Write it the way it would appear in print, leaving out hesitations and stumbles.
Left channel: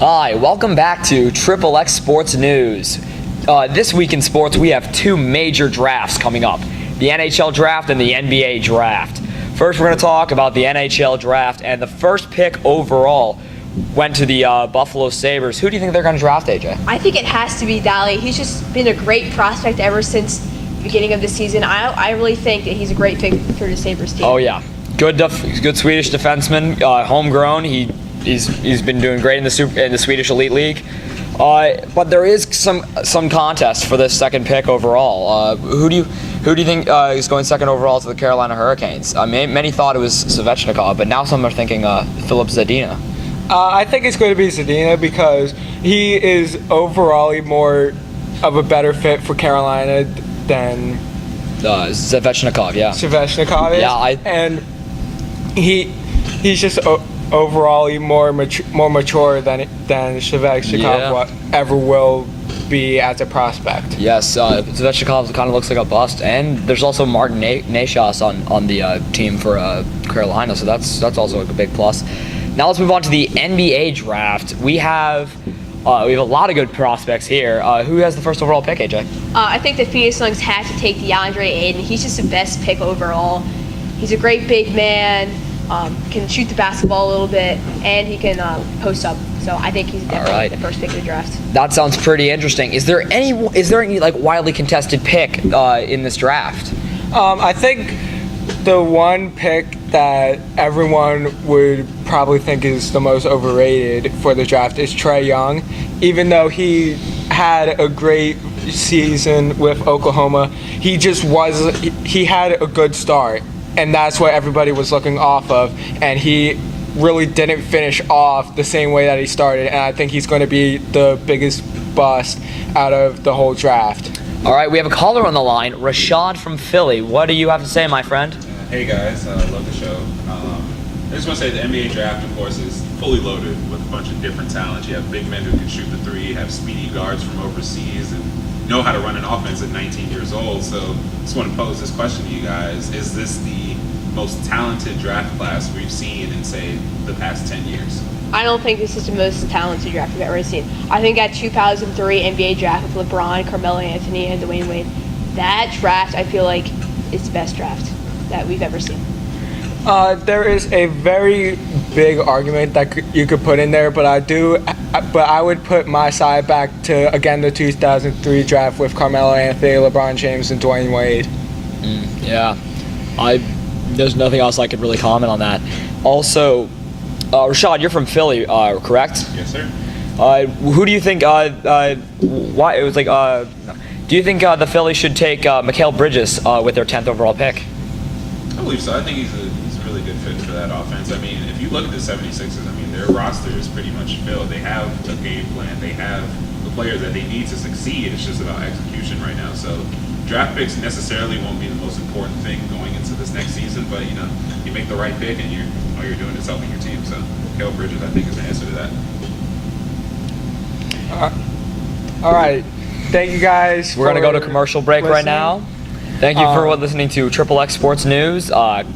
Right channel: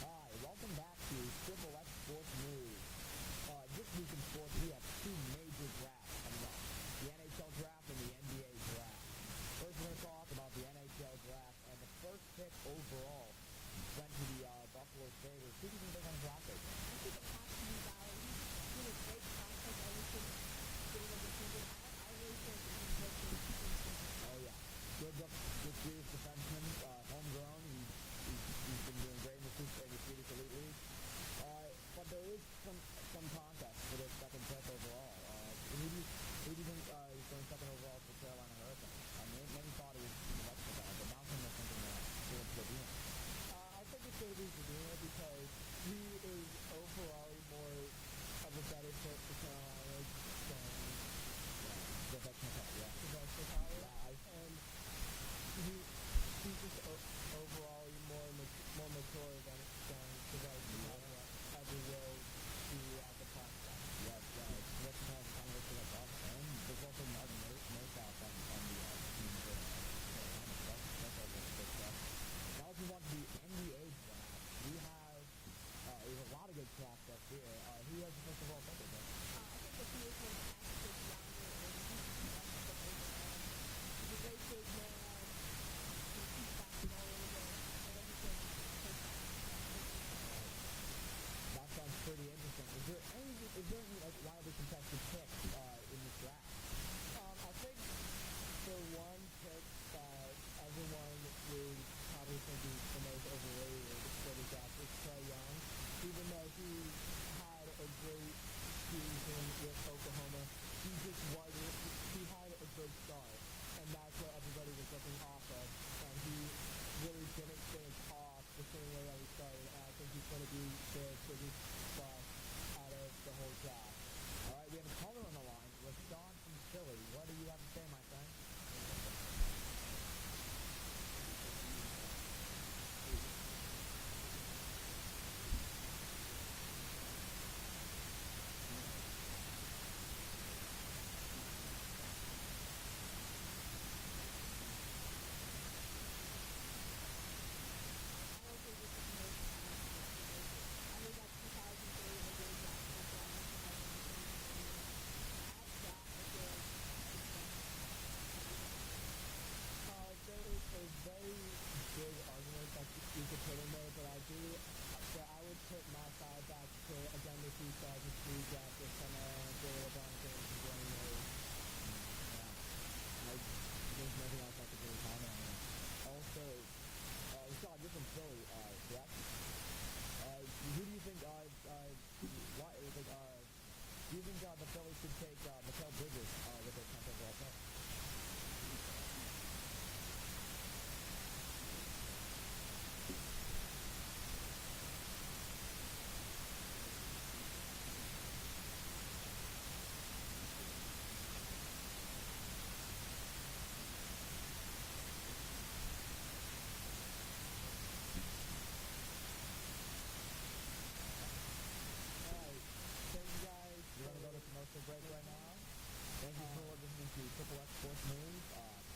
Hi, welcome back to Triple X Sports News. This week in sports, we have two major drafts coming up, the NHL draft and the NBA draft. First, we're going to talk about the NHL draft, and the first pick overall went to the Buffalo Sabres. Who do you think they're going to draft, AJ? I think it has to be Daly. He's just been a great prospect ever since the beginning of the season. I really think that he's a great pick for the Sabres team. Oh, yeah. Good Swedish defenseman, homegrown. He's been doing great in the Swedish Elite League. But there is some contest for this second pick overall. Who do you think is going second overall to the Carolina Hurricanes? Many thought it was Svechnikov, but now some are thinking Filip Zadina. I think it's going to be Zadina because he is overall more of a better fit for Carolina than Svechnikov. Yeah. Svechnikov is. Yeah, and he's just overall more mature than Svechnikov ever will be as a prospect. Yes, Svechnikov kind of looks like a bust, and there's also Martin Necas on the team for Carolina, so that's also a big plus. Now let's move on to the NBA draft. We have a lot of good prospects here. Who has the first overall pick, AJ? I think the Phoenix Suns had to take DeAndre Ayton. He's just the best pick overall. He's a great big man, can shoot the basketball a little bit, and he can post up. So I think he's definitely the first pick of the draft. That sounds pretty interesting. Is there any like wildly contested pick in this draft? I think the one pick that everyone would probably think is the most overrated for the draft is Trae Young. Even though he had a great season with Oklahoma, he had a good start, and that's what everybody was looking off of, and he really didn't finish off the same way that he started, and I think he's going to be the biggest bust out of the whole draft. All right, we have a caller on the line, Rashad from Philly. What do you have to say, my friend? Hey guys, love the show. I just want to say the NBA draft, of course, is fully loaded with a bunch of different talents. You have big men who can shoot the three, have speedy guards from overseas, and know how to run an offense at 19 years old. So I just want to pose this question to you guys. Is this the most talented draft class we've seen in, say, the past 10 years? I don't think this is the most talented draft we've ever seen. I think that 2003 NBA draft with LeBron, Carmelo Anthony, and Dwayne Wade, that draft I feel like is the best draft that we've ever seen. There is a very big argument that you could put in there, but I would put my side back to, again, the 2003 draft with Carmelo Anthony, LeBron James, and Dwayne Wade. Yeah, there's nothing else I could really comment on that. Also, Rashad, you're from Philly, correct? Yes, sir. Who do you think? Why it was like? Do you think the Phillies should take Mikal Bridges with their 10th overall pick? I believe so. I think he's a really good fit for that offense. I mean, if you look at the 76ers, I mean, their roster is pretty much filled. They have a game plan. They have the players that they need to succeed. It's just about execution right now. So draft picks necessarily won't be the most important thing going into this next season, but, you know, you make the right pick and all you're doing is helping your team. So Mikal Bridges, I think, is the answer to that. All right. Thank you guys. We're going to go to commercial break right now. Thank you for listening to Triple X Sports News. Bye.